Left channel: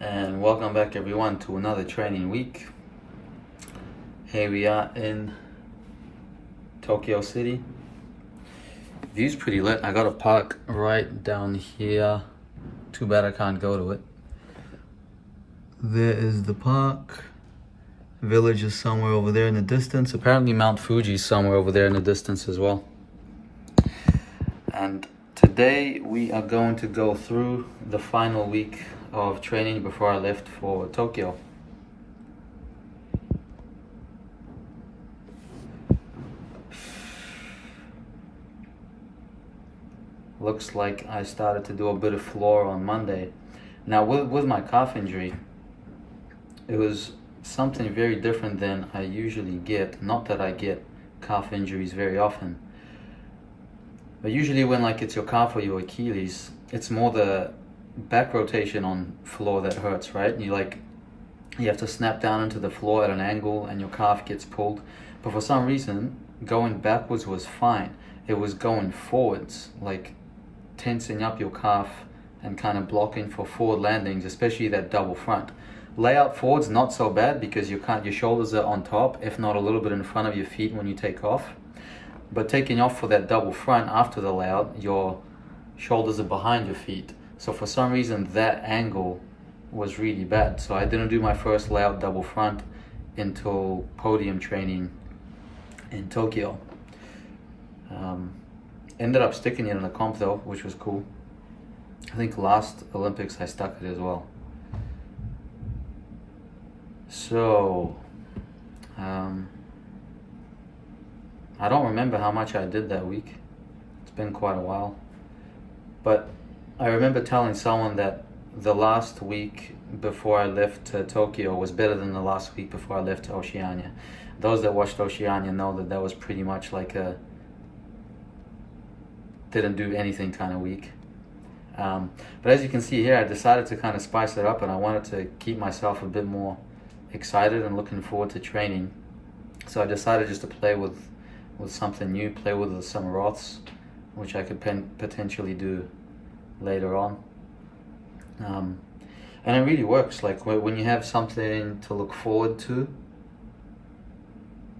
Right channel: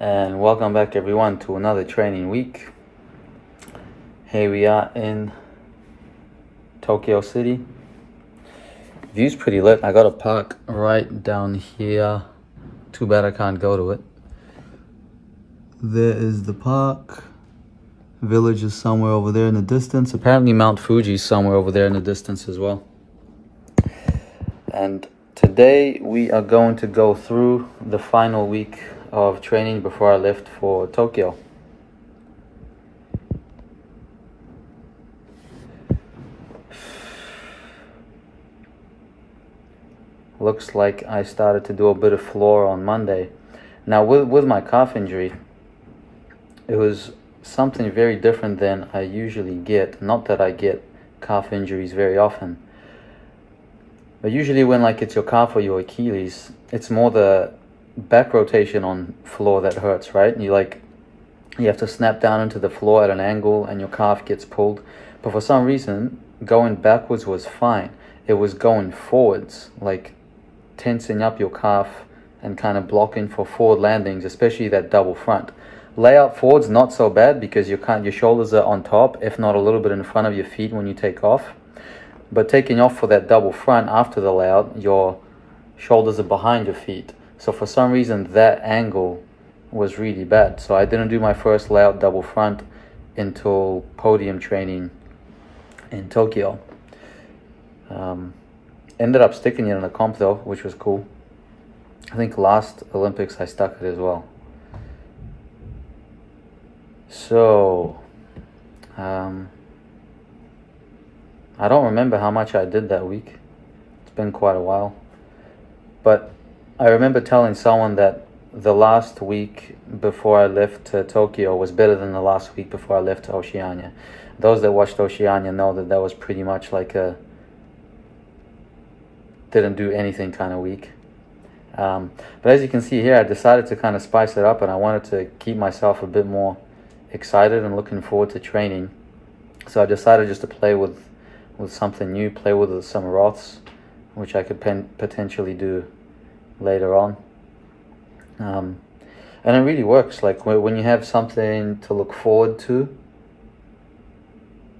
And welcome back everyone to another training week. Here we are in Tokyo City. View's pretty lit. I got a park right down here. Too bad I can't go to it. There is the park. Village is somewhere over there in the distance. Apparently Mount Fuji is somewhere over there in the distance as well. And today we are going to go through the final week of training before I left for Tokyo. Looks like I started to do a bit of floor on Monday. Now with my calf injury, it was something very different than I usually get. Not that I get calf injuries very often, but usually when it's your calf or your Achilles, it's more the back rotation on floor that hurts, right? You have to snap down into the floor at an angle and your calf gets pulled. But for some reason, going backwards was fine. It was going forwards, like tensing up your calf and kind of blocking for forward landings, especially that double front. Layout forwards, not so bad because your shoulders are on top, if not a little bit in front of your feet when you take off. But taking off for that double front after the layout, your shoulders are behind your feet. So for some reason, that angle was really bad. So I didn't do my first layout double front until podium training in Tokyo. Ended up sticking it in the comp though, which was cool. I think last Olympics I stuck it as well. So, I don't remember how much I did that week. It's been quite a while. But I remember telling someone that the last week before I left to Tokyo was better than the last week before I left to Oceania. Those that watched Oceania know that that was pretty much like a didn't do anything kind of week. But as you can see here, I decided to kind of spice it up and I wanted to keep myself a bit more excited and looking forward to training. So I decided just to play with something new, play with some Roths, which I could potentially do later on. And it really works. Like when you have something to look forward to,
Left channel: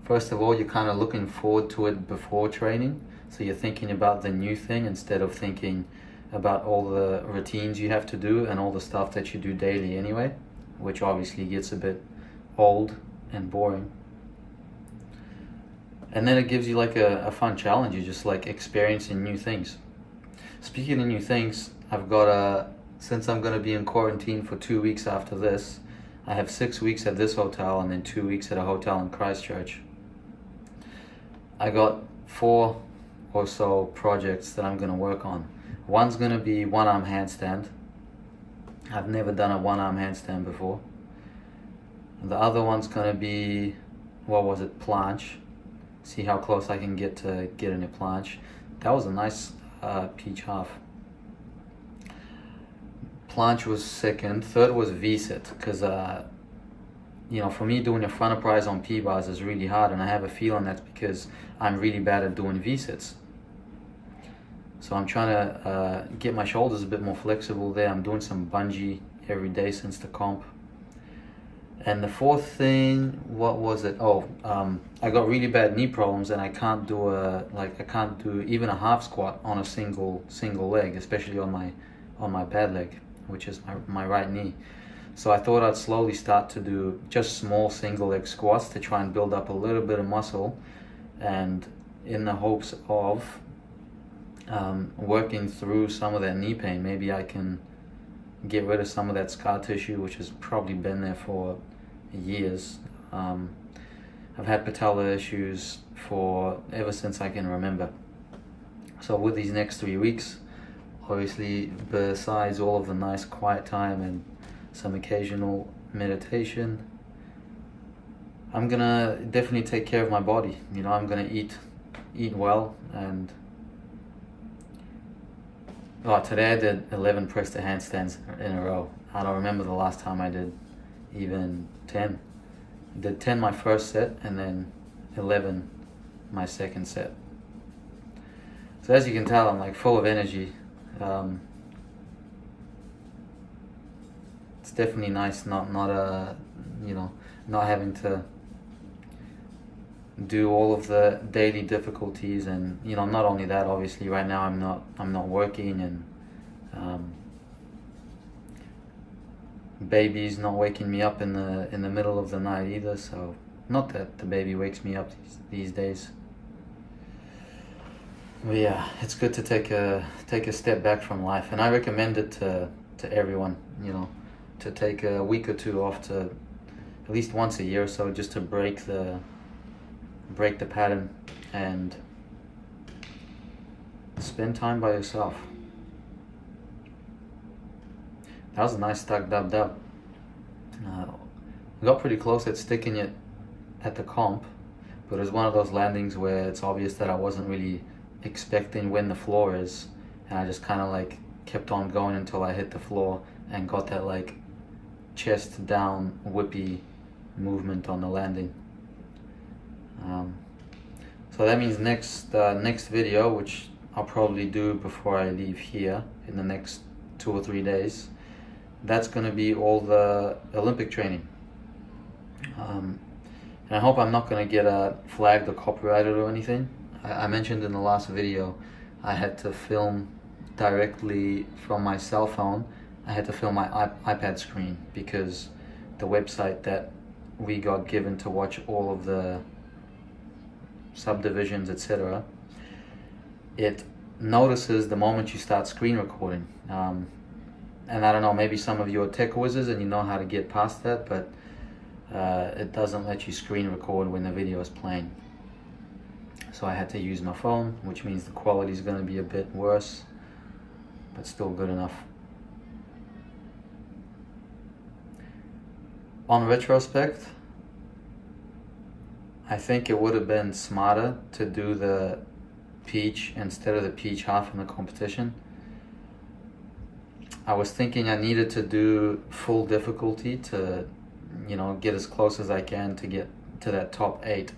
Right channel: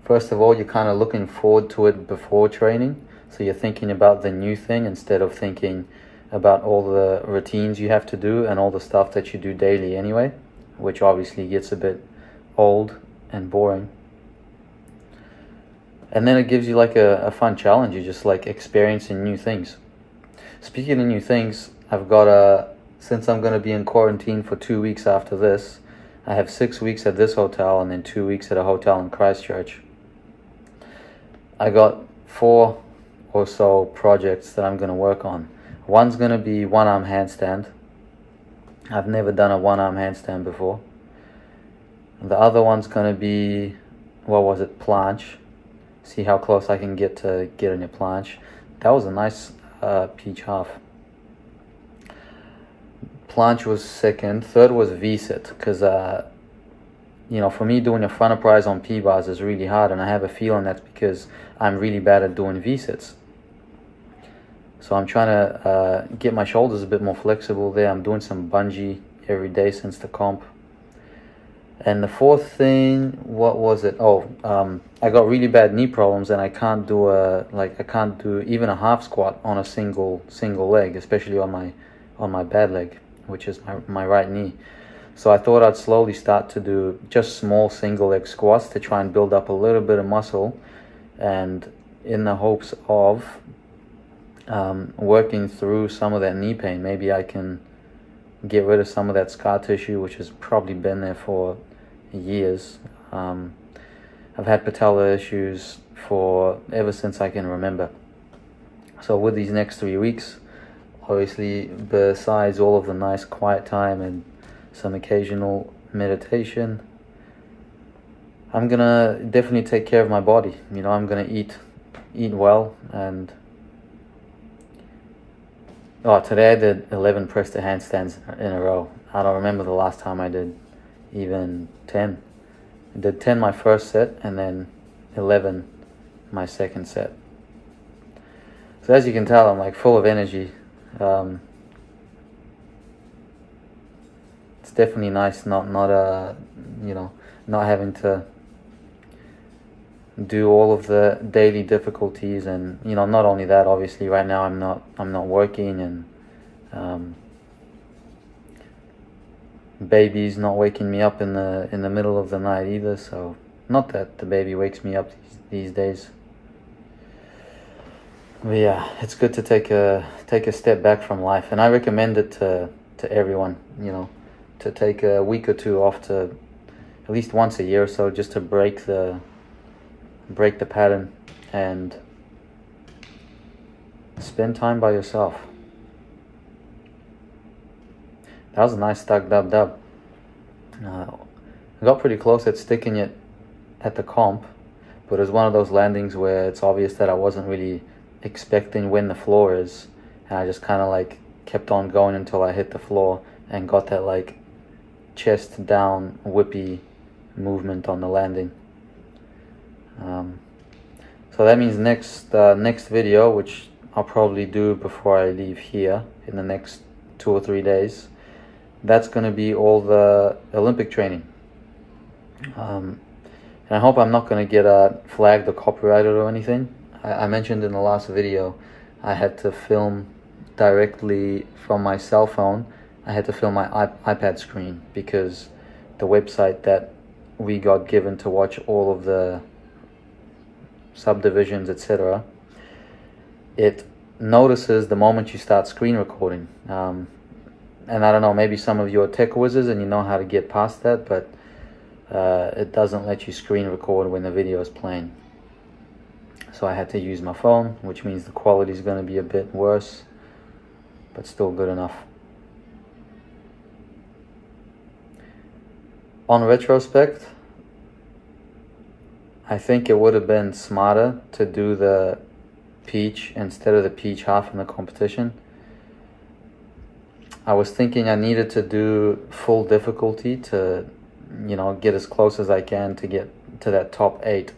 first of all, you're kind of looking forward to it before training. So you're thinking about the new thing instead of thinking about all the routines you have to do and all the stuff that you do daily anyway, which obviously gets a bit old and boring. And then it gives you like a fun challenge. You're just like experiencing new things. Speaking of new things, I've got since I'm going to be in quarantine for 2 weeks after this, I have 6 weeks at this hotel and then 2 weeks at a hotel in Christchurch. I got 4 or so projects that I'm going to work on. One's going to be one-arm handstand. I've never done a one-arm handstand before. The other one's going to be, planche. See how close I can get to getting a planche. That was a nice peach half. Planche was second. Third was V-sit, because for me doing a front uprise on P-bars is really hard, and I have a feeling that's because I'm really bad at doing V-sits. So I'm trying to get my shoulders a bit more flexible there. I'm doing some bungee every day since the comp. And the fourth thing, what was it? I got really bad knee problems and I can't do even a half squat on a single leg, especially on my bad leg, which is my right knee. So I thought I'd slowly start to do just small single leg squats to try and build up a little bit of muscle, and in the hopes of working through some of that knee pain. Maybe I can get rid of some of that scar tissue, which has probably been there for years. I've had patella issues ever since I can remember. So with these next 3 weeks, obviously besides all of the nice quiet time and some occasional meditation, I'm gonna definitely take care of my body. I'm gonna eat well. And today I did 11 press to handstands in a row. I don't remember the last time I did even 10. I did 10 my first set and then 11 my second set. So as you can tell, I'm full of energy. it's definitely nice not you know, not having to do all of the daily difficulties. And you know, not only that, obviously right now I'm not working, and baby's not waking me up in the middle of the night either. So not that the baby wakes me up these days, but yeah, it's good to take a step back from life. And I recommend it to everyone, you know, to take a week or two off, to at least once a year or so, just to break the pattern and spend time by yourself. That was a nice stuck dub. I got pretty close at sticking it at the comp, but it was one of those landings where it's obvious that I wasn't really expecting when the floor is, and I just kind of like kept on going until I hit the floor and got that like chest down whippy movement on the landing. So that means next video, which I'll probably do before I leave here in the next 2 or 3 days, that's going to be all the Olympic training. And I hope I'm not going to get flagged or copyrighted or anything. I mentioned in the last video I had to film directly from my cell phone. I had to film my iPad screen because the website that we got given to watch all of the subdivisions, etc., it notices the moment you start screen recording. And I don't know, maybe some of you are tech wizards and you know how to get past that, but it doesn't let you screen record when the video is playing. So I had to use my phone, which means the quality is going to be a bit worse, but still good enough. On retrospect, I think it would have been smarter to do the peach instead of the peach half in the competition. I was thinking I needed to do full difficulty to, you know, get as close as I can to get to that top 8.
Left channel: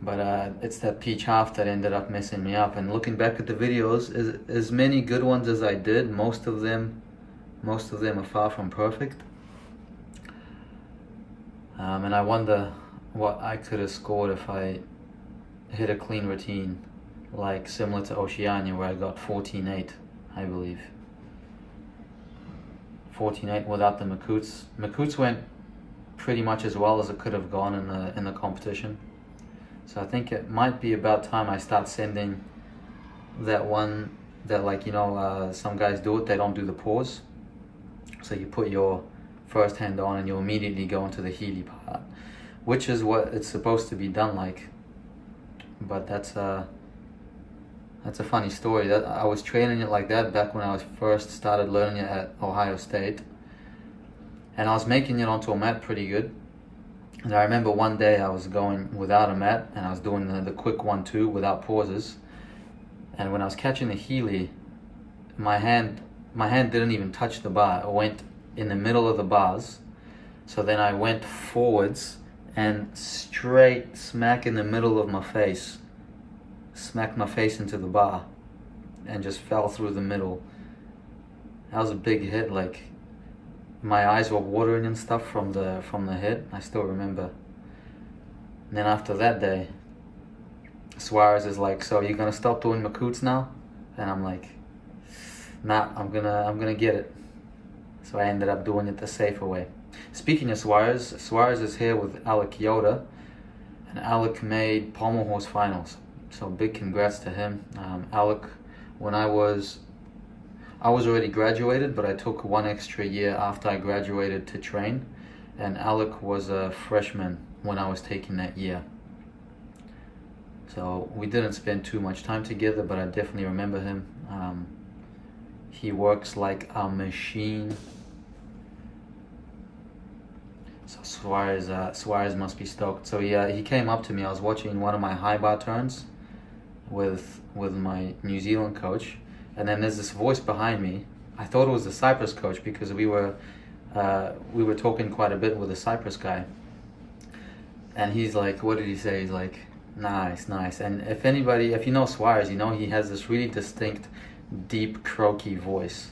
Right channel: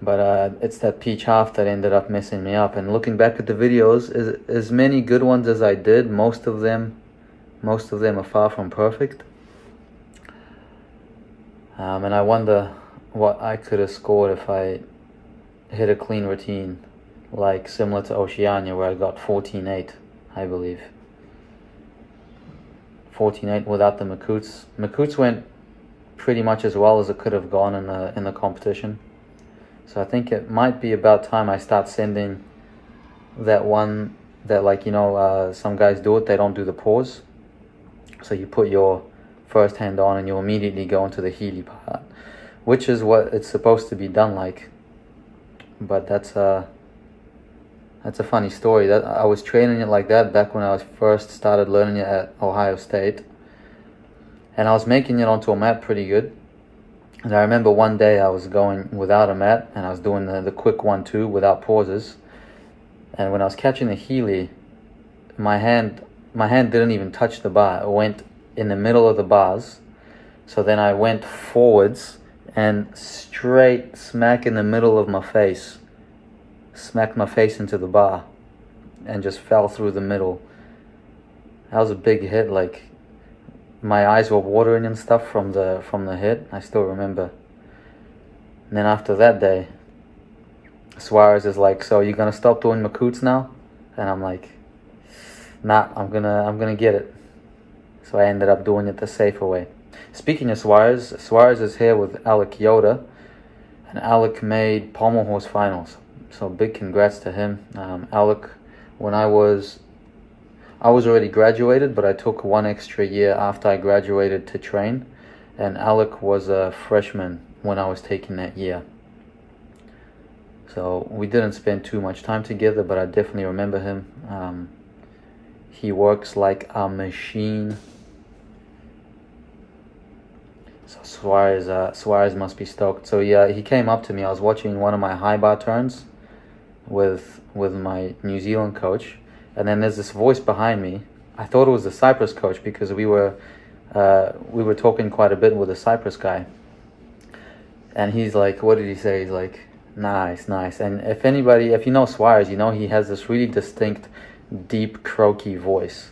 But it's that peach half that ended up messing me up. And looking back at the videos, as many good ones as I did, most of them are far from perfect. And I wonder what I could have scored if I hit a clean routine, like similar to Oceania, where I got 14.8, I believe. 14.8 without the Makoots. Makoots went pretty much as well as it could have gone in the competition. So I think it might be about time I start sending that one that, like, you know, some guys do it, they don't do the pause. So you put your first hand on and you immediately go into the Healy part, which is what it's supposed to be done like. But that's a funny story. That I was training it like that back when I was first started learning it at Ohio State, and I was making it onto a mat pretty good. And I remember one day I was going without a mat and I was doing the quick 1-2 without pauses, and when I was catching the Healy, my hand didn't even touch the bar. It went in the middle of the bars. So then I went forwards and straight smack in the middle of my face, smacked my face into the bar and just fell through the middle. That was a big hit. Like, my eyes were watering and stuff from the hit. I still remember. And then after that day, Suarez is like, "So you're gonna stop doing Makoots now?" And I'm like, "Nah, I'm gonna get it." So I ended up doing it the safer way. Speaking of Suarez is here with Alec Yoda, and Alec made Pommel Horse finals. So big congrats to him. Alec, when I was already graduated, but I took 1 extra year after I graduated to train, and Alec was a freshman when I was taking that year. So we didn't spend too much time together, but I definitely remember him. He works like a machine. So Suarez must be stoked. So yeah, he came up to me. I was watching one of my high bar turns with my New Zealand coach, and then there's this voice behind me. I thought it was the Cyprus coach because we were talking quite a bit with the Cyprus guy. And he's like, what did he say? He's like, nice. And if you know Suarez, you know he has this really distinct, deep, croaky voice.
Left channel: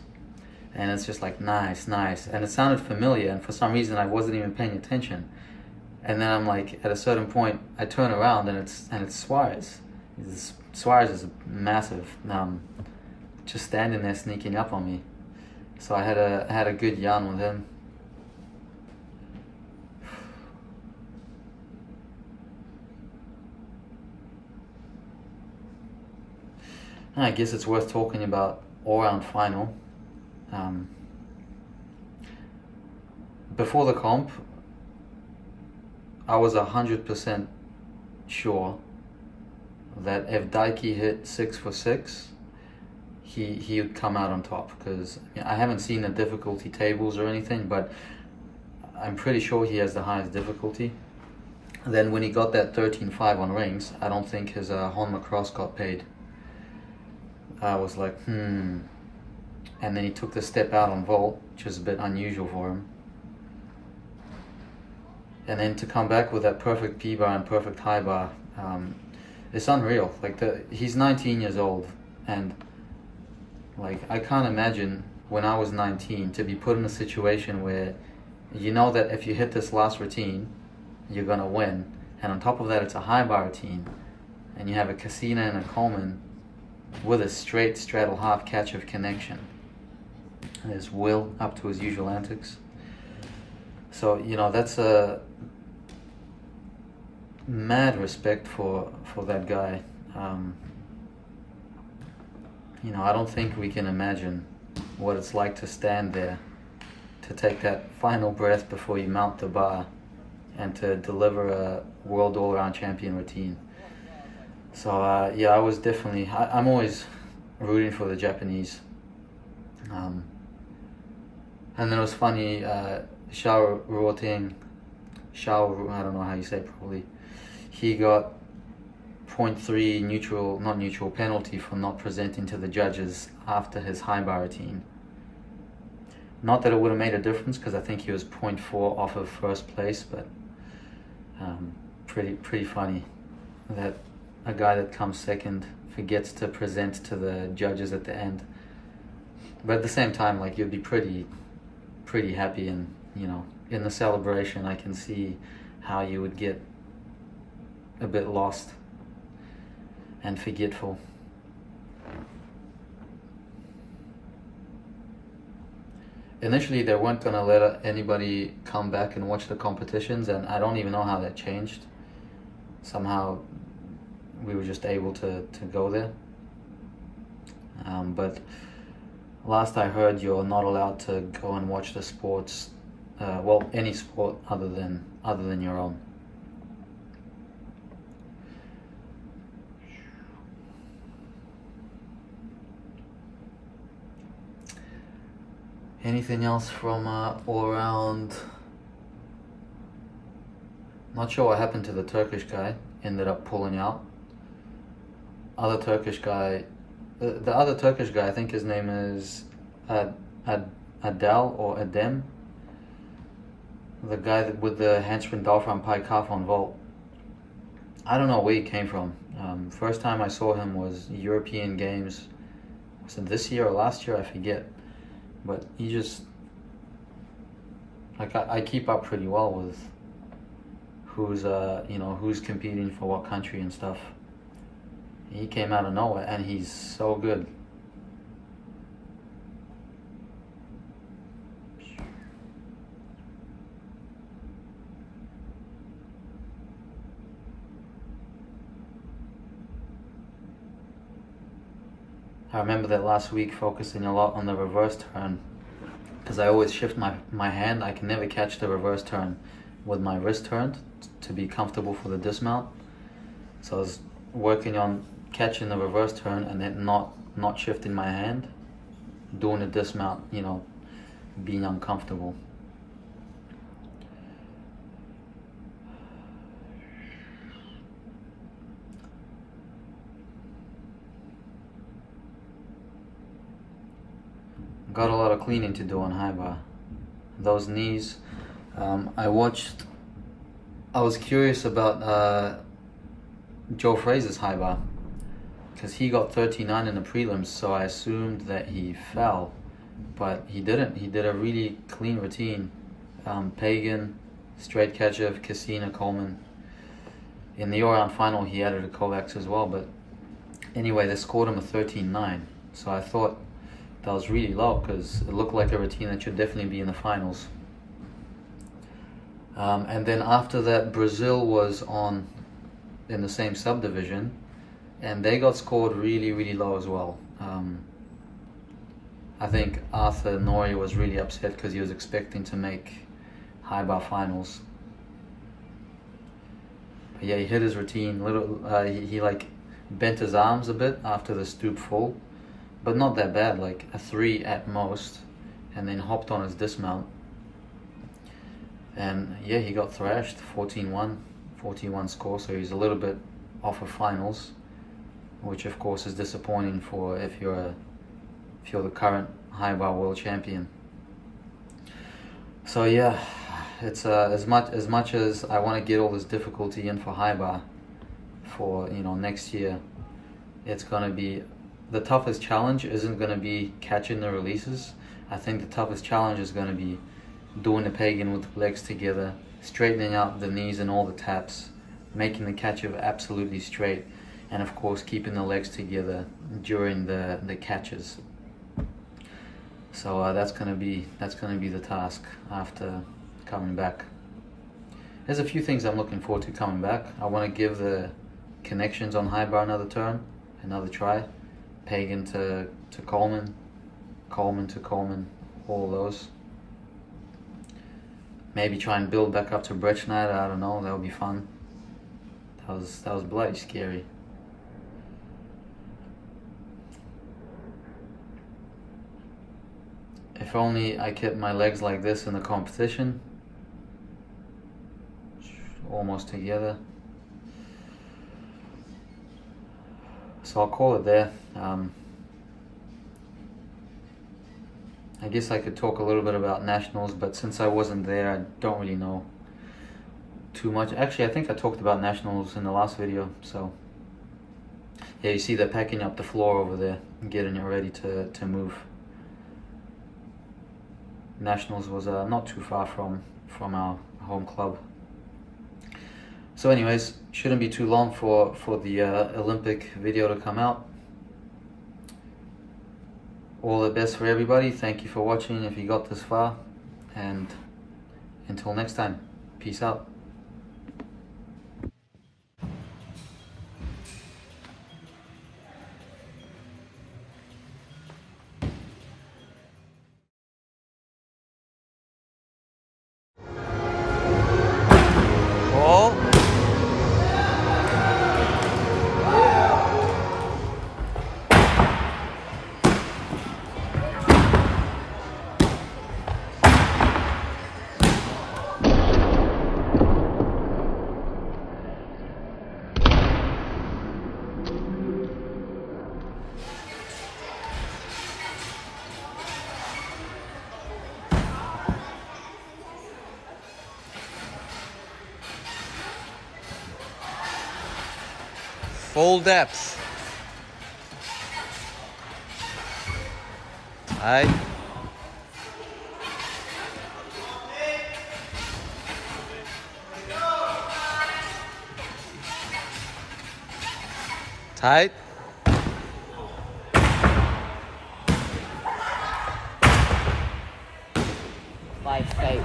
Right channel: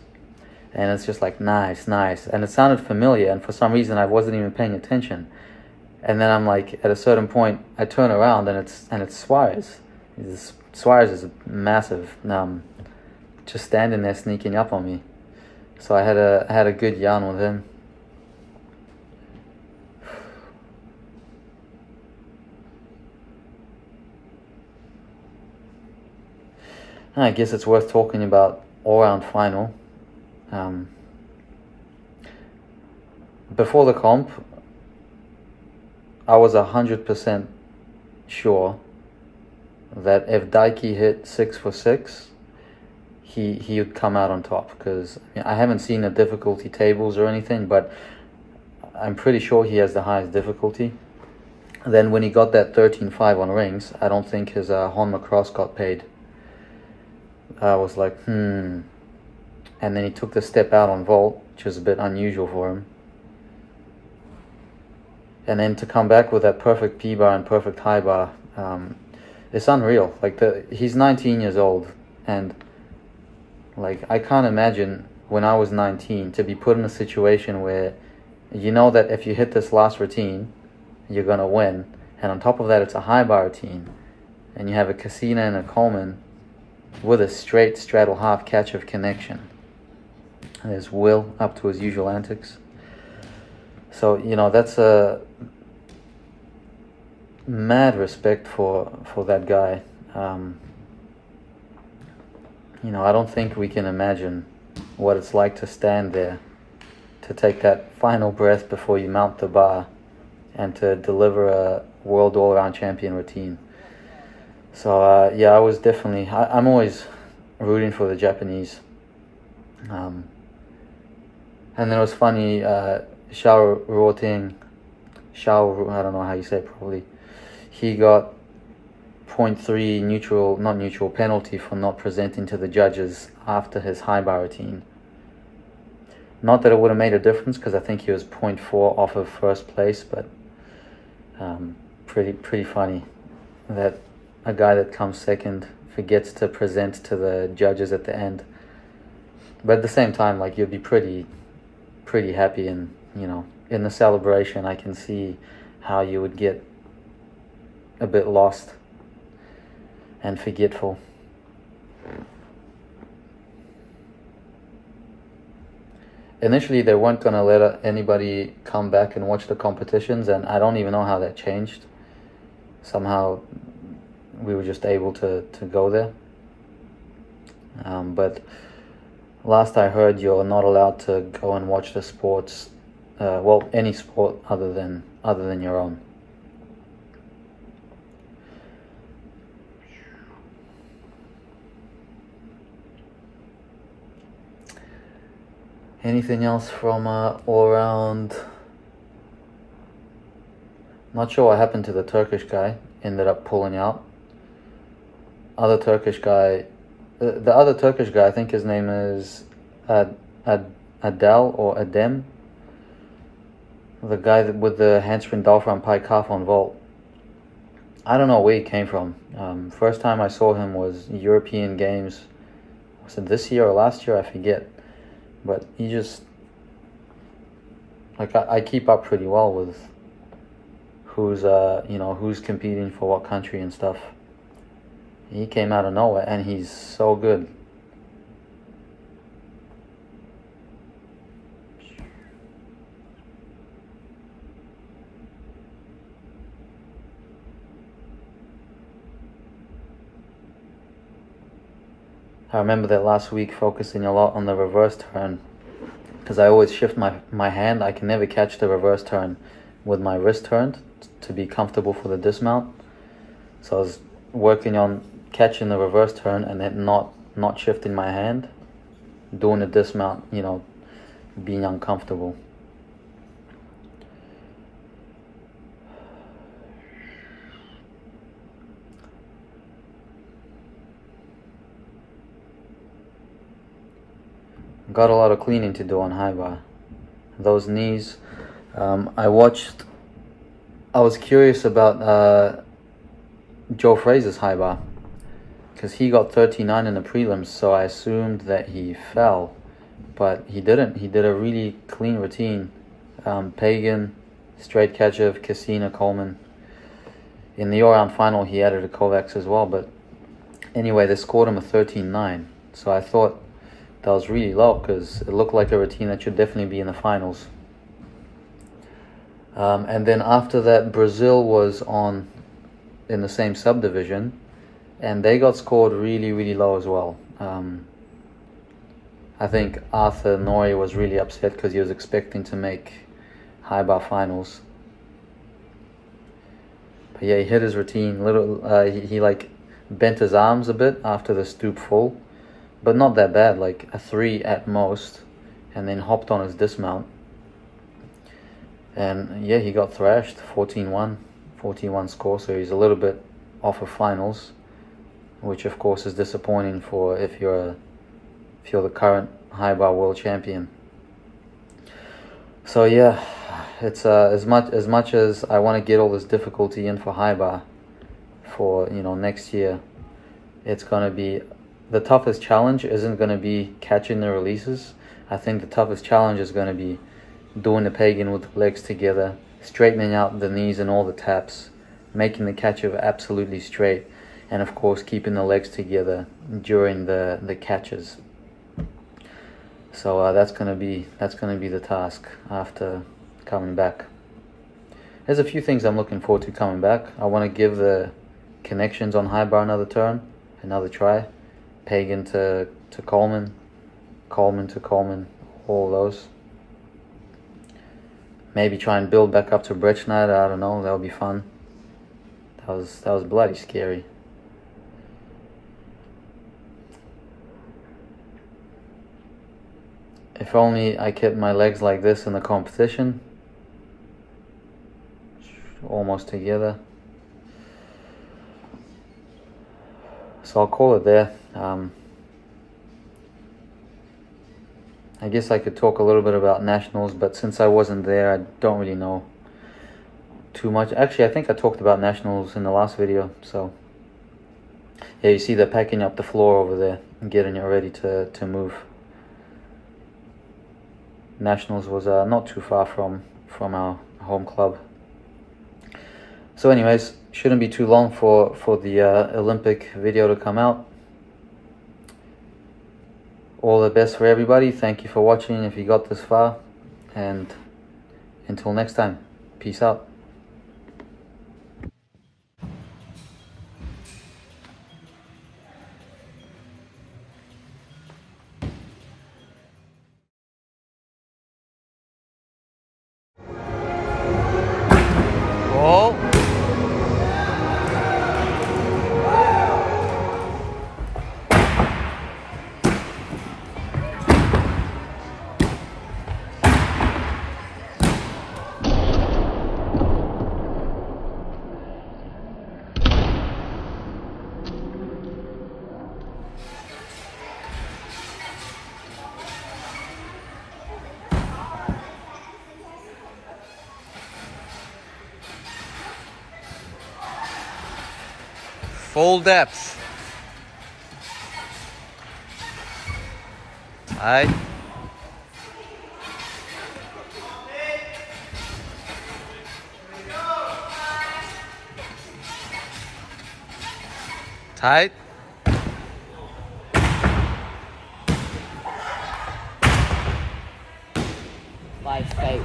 and it's just like nice, nice, and it sounded familiar, and for some reason I wasn't even paying attention. And then I'm like, at a certain point, I turn around and it's Suarez. Suarez is massive, just standing there sneaking up on me. So I had a good yarn with him. And I guess it's worth talking about all-round final. Before the comp, I was 100% sure that if Daiki hit 6 for 6, he would come out on top, because I haven't seen the difficulty tables or anything, but I'm pretty sure he has the highest difficulty. Then when he got that 13.5 on rings, I don't think his Honma cross got paid. I was like, And then he took the step out on vault, which is a bit unusual for him. And then to come back with that perfect P-bar and perfect high bar, it's unreal. Like, he's 19 years old, and like, I can't imagine when I was 19 to be put in a situation where you know that if you hit this last routine, you're gonna win, and on top of that, it's a high bar routine, and you have a Cassina and a Coleman with a straight straddle half catch of connection. And there's Will up to his usual antics. So, that's a mad respect for that guy. I don't think we can imagine what it's like to stand there, to take that final breath before you mount the bar, and to deliver a world all-around champion routine. So, yeah, I was definitely... I'm always rooting for the Japanese. And then it was funny, Xiao Ruoting, I don't know how you say it properly, he got 0.3 penalty for not presenting to the judges after his high bar routine. Not that it would have made a difference, because I think he was 0.4 off of first place, but pretty funny that a guy that comes second forgets to present to the judges at the end. But at the same time, like, you'd be pretty happy, and in the celebration I can see how you would get a bit lost and forgetful. Initially they weren't going to let anybody come back and watch the competitions, and I don't even know how that changed. Somehow we were just able to go there. But last I heard, you're not allowed to go and watch the sports, any sport other than your own. Anything else from all around? Not sure what happened to the Turkish guy. Ended up pulling out. The other Turkish guy, I think his name is Adel or Adem. The guy with the handspring diaphragm pike calf on vault. I don't know where he came from. First time I saw him was European Games. Was it this year or last year? I forget. But he just, like, I keep up pretty well with who's competing for what country and stuff. He came out of nowhere, and he's so good. I remember that last week focusing a lot on the reverse turn, because I always shift my hand. I can never catch the reverse turn with my wrist turned to be comfortable for the dismount. So I was working on catching the reverse turn and then not shifting my hand, doing the dismount, being uncomfortable. Got a lot of cleaning to do on high bar. Those knees, I was curious about Joe Frazier's high bar, because he got 39 in the prelims, so I assumed that he fell. but he didn't. He did a really clean routine. Pagan, straight Kachev, Kassina, Coleman. In the all-round final, he added a Kovacs as well, but anyway, they scored him a 13-9. So I thought that was really low because it looked like a routine that should definitely be in the finals. And then after that, Brazil was on in the same subdivision, and they got scored really, really low as well. I think Arthur Nori was really upset because he was expecting to make high bar finals. But yeah, he hit his routine. He like bent his arms a bit after the stoop full, but not that bad, like a 3 at most, and then hopped on his dismount. And yeah, he got thrashed, 14-1 score, so he's a little bit off of finals, which of course is disappointing for if you're the current high bar world champion. So yeah, it's as much as I want to get all this difficulty in for high bar for next year, it's gonna be the toughest challenge isn't gonna be catching the releases. I think the toughest challenge is gonna be doing the Pagan with the legs together, straightening out the knees and all the taps, making the Kachev absolutely straight, and of course keeping the legs together during the catches. So that's gonna be the task after coming back. There's a few things I'm looking forward to coming back. I want to give the connections on high bar another turn, another try. Pagan to Coleman, Coleman to Coleman, all those. Maybe try and build back up to Brettschneider. I don't know. That would be fun. That was bloody scary. If only I kept my legs like this in the competition. Almost together. So I'll call it there. I guess I could talk a little bit about nationals, but since I wasn't there, I don't really know too much. Actually, I think I talked about nationals in the last video. So yeah, you see they're packing up the floor over there and getting it ready to move. Nationals was not too far from our home club. So anyways, shouldn't be too long for the Olympic video to come out. All the best for everybody. Thank you for watching if you got this far, and until next time, peace out. Oh. Full depth. Alright. Tight. By fate.